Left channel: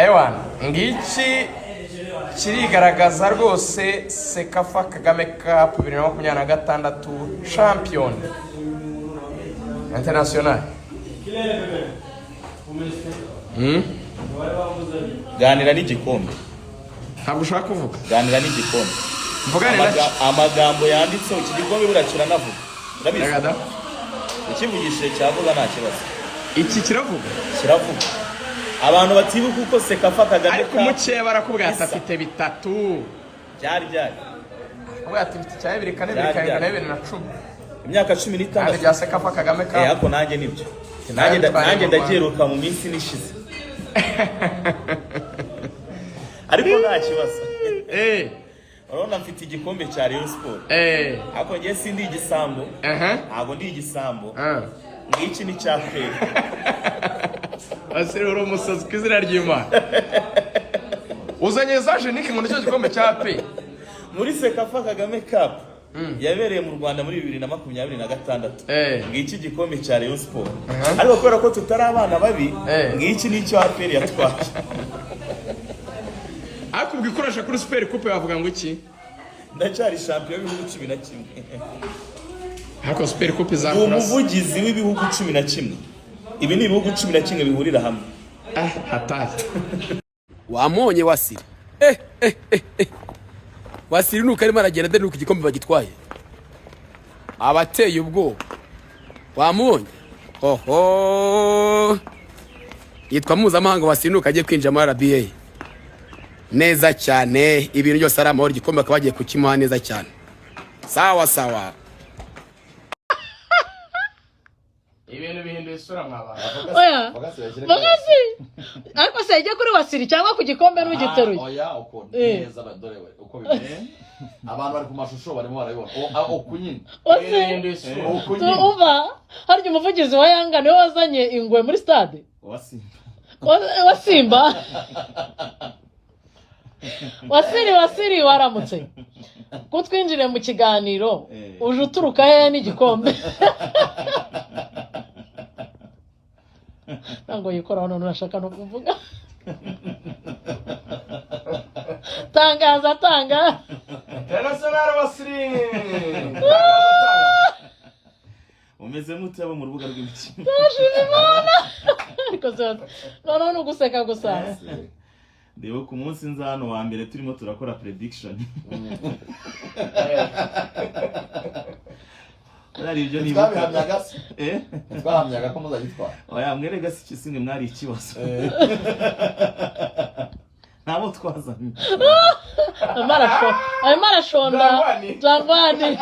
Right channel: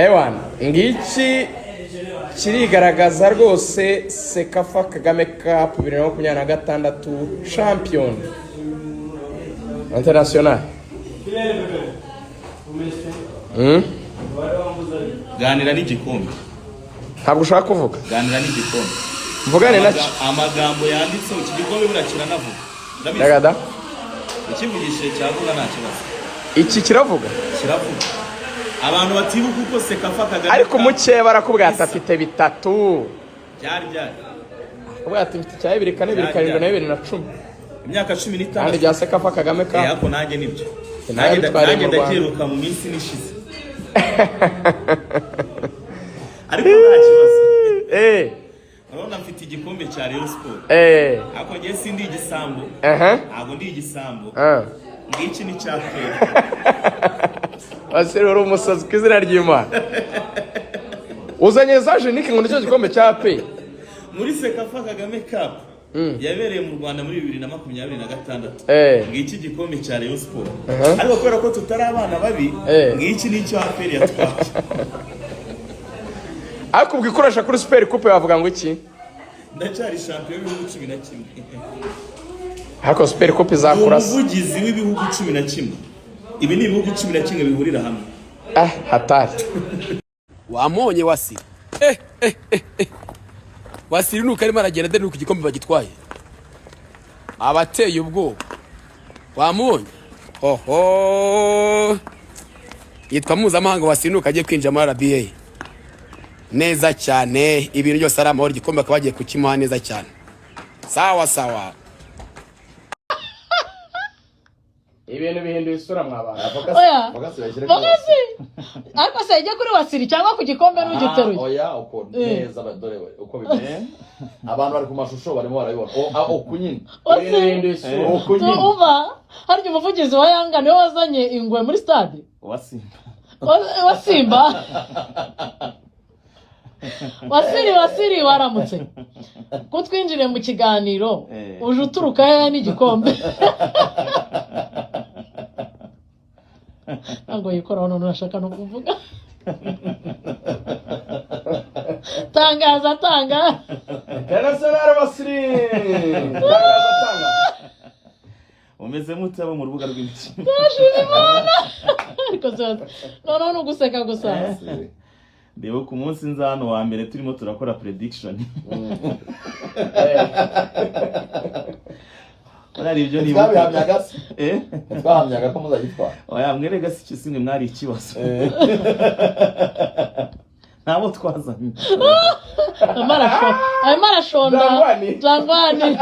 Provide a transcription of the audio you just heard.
Ewan, ngiki kirigaragaza rwose Sekafa Kagame Cup 2026 champion international. Ganira n'igikombe. Ntabwo ushaka kuvuga? Ganira n'igikombe. Mvugane amagambo yanditseho iki gikombe birakira navuga. Ndabizi. Yagada. Ikivugishe cyavuga nta kibazo. Iki kiravuga? Kiravuga. Abantu batibuka uko Sekafa Kagame ariko muke barakubwira afite bitatu. Byari. Ubwo ati cya 2 kane 2010. Imyaka 15 rya Sekafa Kagame Cup. Ako nanjye nibyo. Nanjye ndagiruka mu minsi nishize. Ariko nta kibazo. Urabona mfite igikombe cya Rayon Sport. Ako ngiye sindi igisambo. Ntabwo ndi igisambo. Ngiki ni cya pe. Asere uri umusazi kwizina ry'Imana. Uzanye zaje niki ngo nicyo gikombe cya pe. Muri Sekafa Kagame Cup yabereye mu Rwanda muri 2026. Ngiki gikombe cya Rayon Sport. Ariko kubera ko tutari abana babi, ngiki ni cyo APR yatwaye. Ariko ubwikoresha kuri Super Coupe bavuga ngo iki? Ndacyari champion w'ibihugu 11. Ariko Super Coupe zakura. Umuvugizi w'ibihugu 11. Ibi ni ibihugu 11 bihurira hamwe. Hatari. Wamonye wasi. Wasiri nuko arimo aragenda de nuko igikombe bagitwaye. Abateye ubwo. Wamonye. Oho. Yitwa mpuzamahanga Wasiri nuko agiye kwinjira muri RBA. Neza cyane ibintu byose ari amahoro igikombe akabagiye kukimuha neza cyane. Sawa. Ibintu bihinduye isura mwabana. Bagasi. Ariko se ijya kuri Wasiri cyangwa ku gikombe n'ugiteruye. Oya uko neza badore we uko bimeze. Abantu bari ku mashusho barimo barabibona. Ukunyine. Ibintu bihinduye isura. Ukunyine. Harya umuvugizi wa Yanga niwe wazanye ingwe muri stade. Wasimba. Wasiri waramutse. Kutwinjire mu kiganiro uje uturuka he n'igikombe. Ntabwo yikora hano nashaka no kuvuga. Tangaza. International Wasiri. Umeze mute abo mu rubuga rw'imikino. Ariko none uguseka gusa. Ndebo ku munsi nzano wa mbere turimo turakora prediction. Ari ibyo nibuka. Twahamyaga ko muzagitwara. Oya mwerega si kisimwe mwari ikibazo. Nabo twazanye. Amara shonda. Jangwani.